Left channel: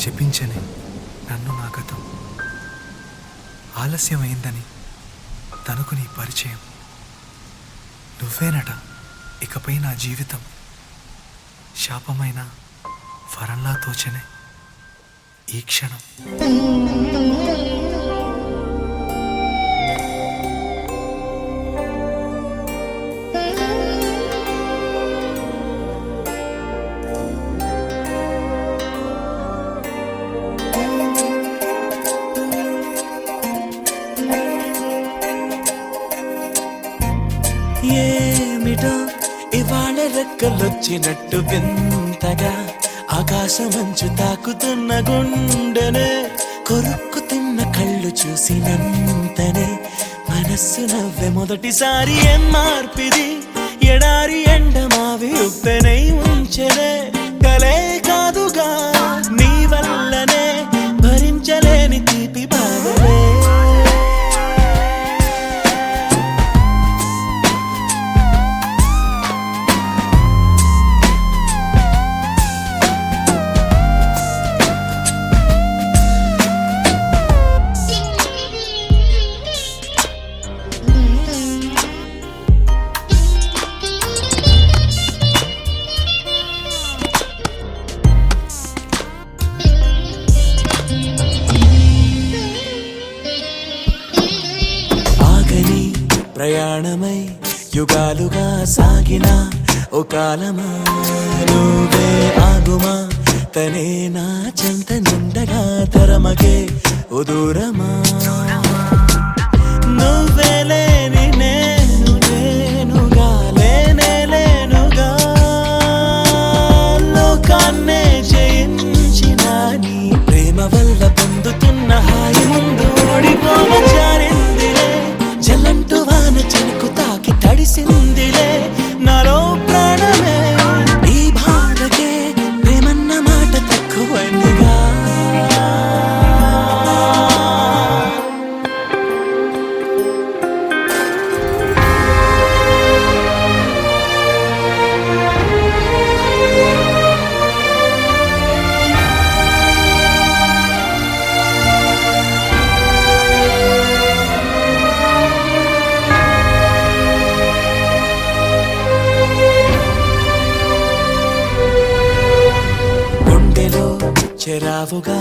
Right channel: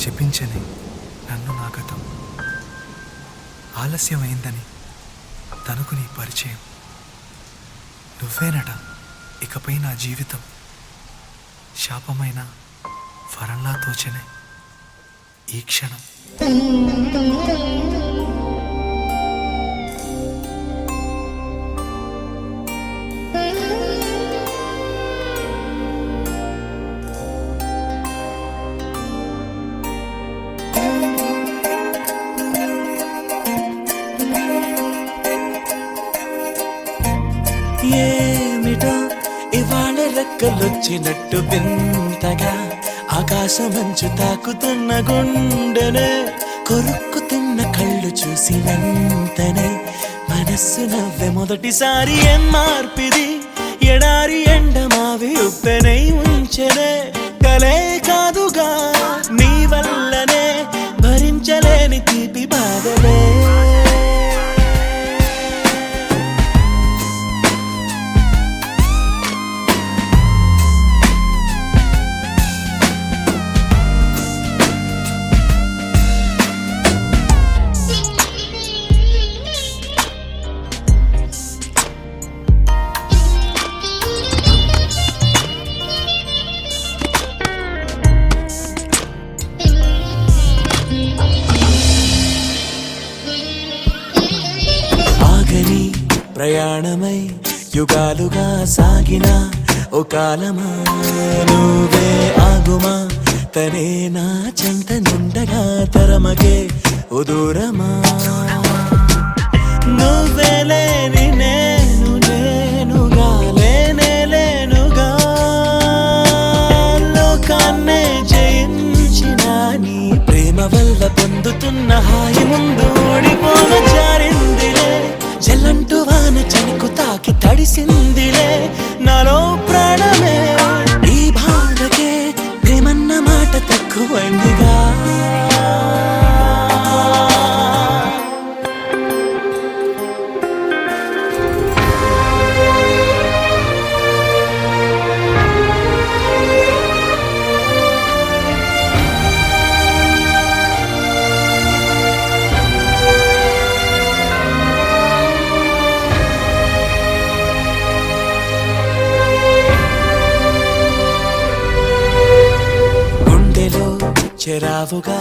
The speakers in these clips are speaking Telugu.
శపించని నన్ను నా గతం, ఆలస్యమైందని తనకు నీ పరిచయం. నువ్వేనట ఇకపై నా జీవితం, శాపమైన వరంలా తోచనే ఈ క్షణం. ఏమిటో ఇవాళ రెక్కలొచ్చినట్టు వింతగా ఆకాశమంచు తాకుతున్న గుండెనే, కొరుక్కు తిన్న కళ్ళు చూసినంతనే మనస్సు నవ్వే మొదటిసారి. ఏం మార్పిది, ఎడారి ఎండమావి ఉప్పెనై ఉంచెనే, కలే కాదుగా నీ వల్లనే భరించలేని తీపి బాధలే. ఆగని ప్రయాణమై యుగాలుగా సాగిన ఓ కాలమా, నువ్వే ఆగుమా తనే నా చెంత నుండగా తరమగే ఓ దూరమా. నువ్వే లేని నేను నేనుగా లేనే లేనుగా, లోకాన్నే జయించిన నీ ప్రేమ వల్ల పొందుతున్న హాయి ముందు ఓడిపోమ జారిందిలే. జల్లంటూ వాన చెనుకు తాకి తడిసిందిలే నాలో ప్రాణమే. ఈ బాధకే ప్రేమన్న మాట తక్కువైందిగా. గుండెలో చెరావుగా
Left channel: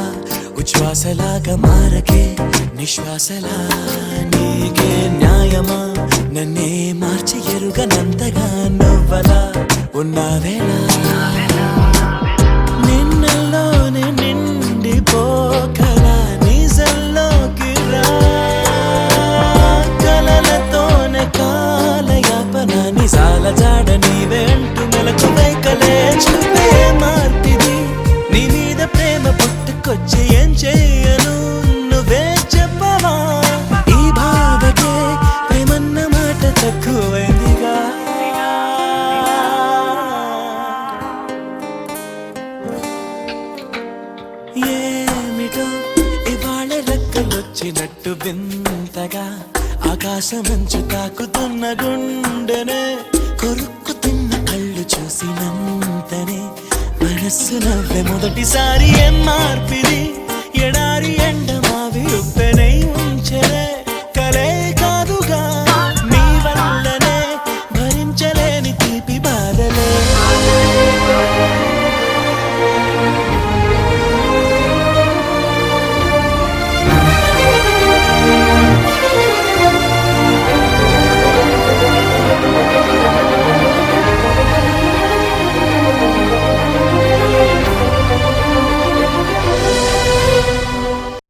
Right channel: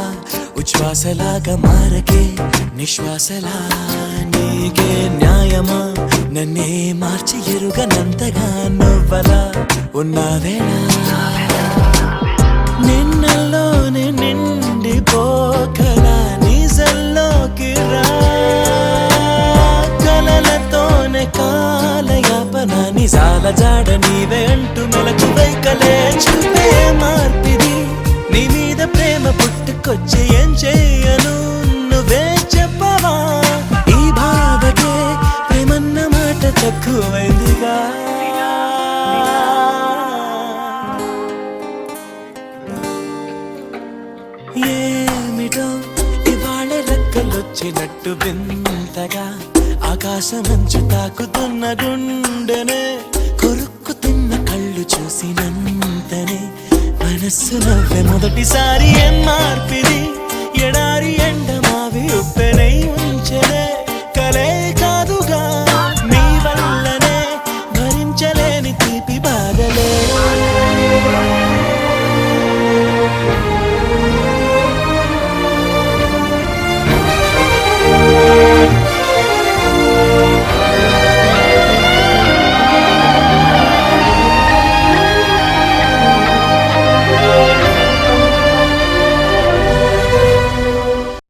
ఉచ్ఛ్వాసలాగా మారకే నిశ్వాసలా, నీకే న్యాయమా నన్నే మార్చి ఎరుగనంతగా నువ్వలా ఉన్నావేలా. నిన్నల్లోనే నిండిపోకలా నిజల్లోకి రా, కలలతోనే కాలయాపన నిజాల జాడ నీవే అంటూ మెలకు వైకలే చూపే మార్పిది. నీ మీద ప్రేమ పుట్టుకొచ్చి ఏం చేయను నువ్వే చెప్పవా. ఈ బాధకే ప్రేమన్న మాట తక్కువైందిగా. ఏమిటో ఇవాళ రెక్కలొచ్చినట్టు వింతగా ఆకాశమంచు తాకుతున్న గుండెనే, కొరుక్కు తిన్న కళ్ళు చూసినంతనే మనస్సు నవ్వే మొదటిసారి. ఏం మార్పిది, ఎడారి ఎండమావి ఉప్పెనై ఉంచెనే, కలే కాదుగా నీ వల్లనే భరించలేని తీపి బాధలే.